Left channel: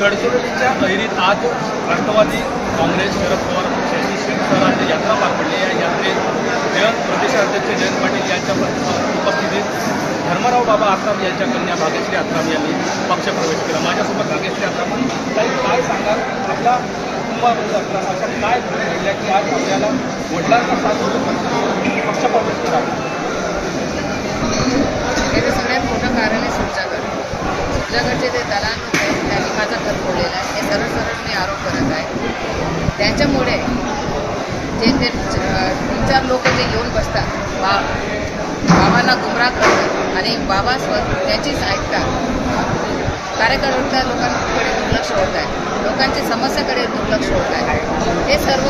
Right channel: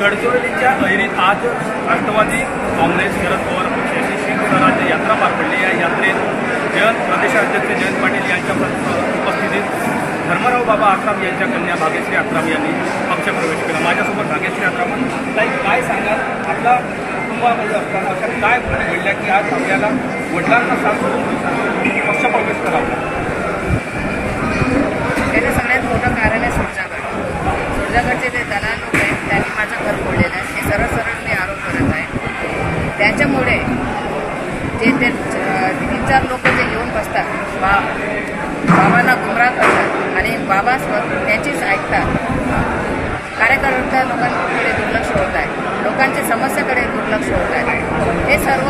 गडचिरोलीच्या ऐरीत आज राष्ट्रवादी काँग्रेस शरद पवार पक्षाची शिवस्वराज्य यात्रा पार पडली. या यात्रेत प्रदेशाध्यक्ष जयंत पाटील यांच्या उपस्थितीत धर्मराव बाबा आत्राम यांच्या कन्या भाग्यश्री आत्राम यांनी पक्षप्रवेश केला. माझ्यासोबत भाग्यश्री आत्राम. ताई, काय सांगाल, आपला कुटुंबामध्ये असताना अशा काय घडल्या की आज आपल्याला वडिलांना साथ सोडून पक्षप्रवेश करावा? त्याचं सगळ्यात मोठं कारण आहे सुरजागडचे जे दलाल लोक आहेत त्यांनी माझं घर फोडलेलं आहे. हे सरळ सरळ मी आरोप करत आहे. त्याच्यामुळे जे ते 3-4 लोक जे येऊन बसतात, बाबांना गुमराह करतात आणि बाबा त्यांचीच ऐकतात. कार्यकर्ता लोकांकडे दुर्लक्ष होत आहे, लोकांच्या समस्येकडे दुर्लक्ष होत आहे. हे सर्व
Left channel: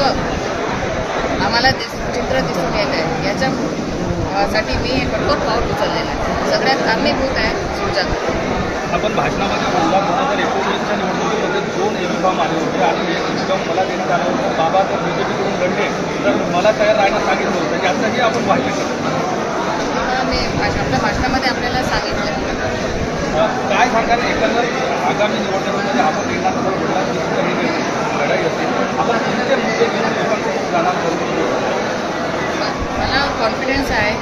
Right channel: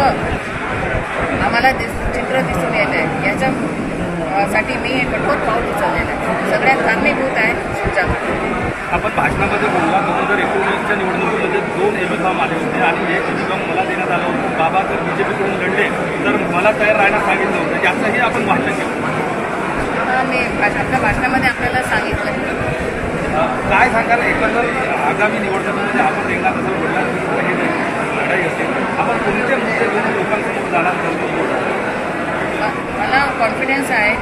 आम्हाला चित्र दिसून येत आहे. याच्यासाठी मी हे कठोर पाऊल उचललेलं आहे. सगळ्यात कारणीभूत आहे सुरजागड. आपण भाषणामध्ये बोलला 2019च्या निवडणुकीमध्ये 2 एबी फॉर्म आले होते आणि हे एबी फॉर्म मला देण्यात आलं होतं. बाबा जर बीजेपीकडून लढले तर मला तयार राहण्यास सांगितलं होतं. याचंही आपण भाषण केलं. मी आपल्या भाषणामध्ये आपल्याला सांगितलं. काय सांगाल, एकंदर आगामी निवडणुकीमध्ये आपण एकदा कसं बोलला की हे लढाई असेल, आपण कोणते मुद्दे घेऊन लोकांसमोर जाणार? मला कॉन्फिडन्स आहे.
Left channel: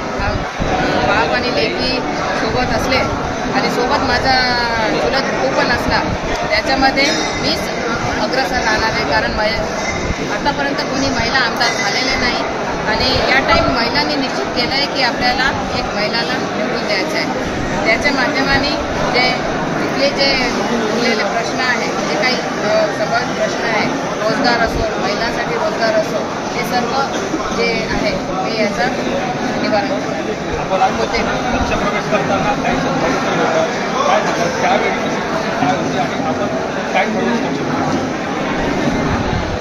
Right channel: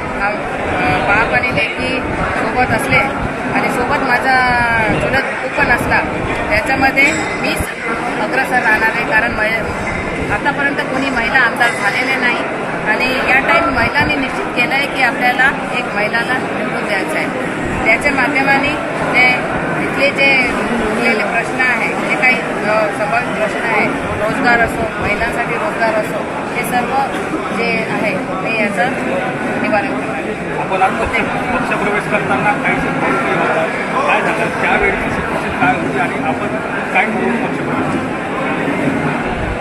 बाप आणि लेकी सोबत असले आणि सोबत माझा चुलत तू पण असला, त्याच्यामध्ये मीच अग्रसर राहणार आहे. कारण आतापर्यंत कोणी महिला आमदार झालेले नाही आणि या टाईम महिलांनी निश्चित केलं आहे की आपल्याला एक महिलाला निवडून द्यायचं आहे. त्याच्या माध्यमाने जे इथले जे उरलेले प्रश्न आहे, जे काही संभाव्य प्रश्न आहे, रोजगार असो, महिलांसाठी रोजगार असो, हे सर्व जे आहे मी याचं निवारण करणार आहे. आपण होते पक्षप्रवेश करताना काही होता, काय झालं त्यावेळी काय होती आणि आपण काय ठरवून पक्षप्रवेश?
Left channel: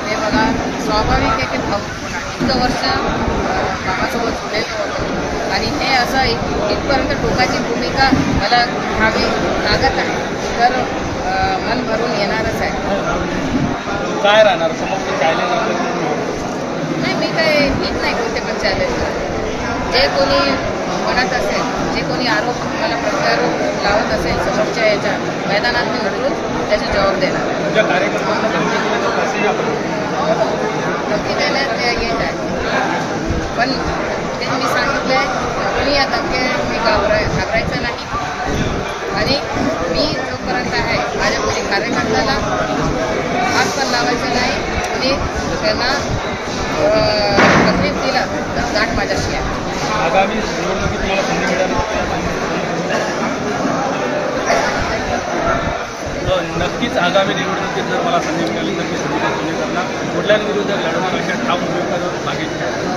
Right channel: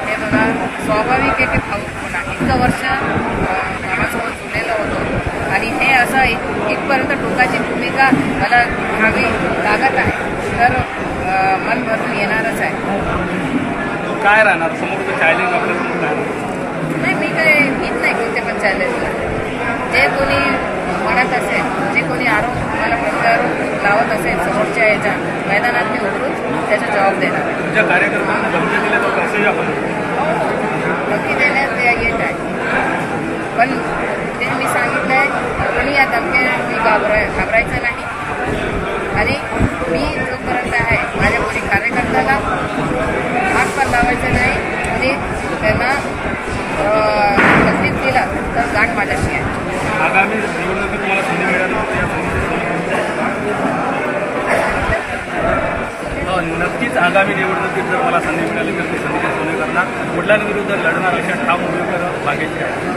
ते बघा, स्वाभाविक आहे की पुन्हा इतकं वर्ष बाबासोबत जुळलेलं होतं आणि हे असं इथपर्यंत टोकाची भूमिका मला घ्यावी लागत आहे, तर मन भरून येणारच आहे. काय राहणार समोरचं चॅलेंज आपल्याला? नाही, मी काय घेत नाही कोणते पण चॅलेंज. जे कोणी म्हणत असेल, जे कोणी आरोप मला प्रत्यारोप लावत असेल समोरच्या याच्या मैदानात मी उतरून त्याचा जबाब देणार आहे. तुझ्या कार्यकर्त्यांना धमकी दिल्या तर कसंही आपण धमकी देण्यात येत आहे, पण ते मी सांगितलं आहे कोणी या धमक्या घाबरायचं नाही. आणि मी जोपर्यंत आहे माझ्या कोणी कार्यकर्त्याला हात पण लावायचं नाही, कोणी त्यांना तकलीफ दिला तर गाठ माझ्याशी आहे. आगामी निवडणुकीत तुम्हाला संधी मिळाली नक्कीच. आगामी निवडणुकीत जर मला संधी मिळाली तर मी संधी सोने करणार, वडिलांविरुद्ध लढणार अशा ठाम भूमिकेवर भाग्याची आहे.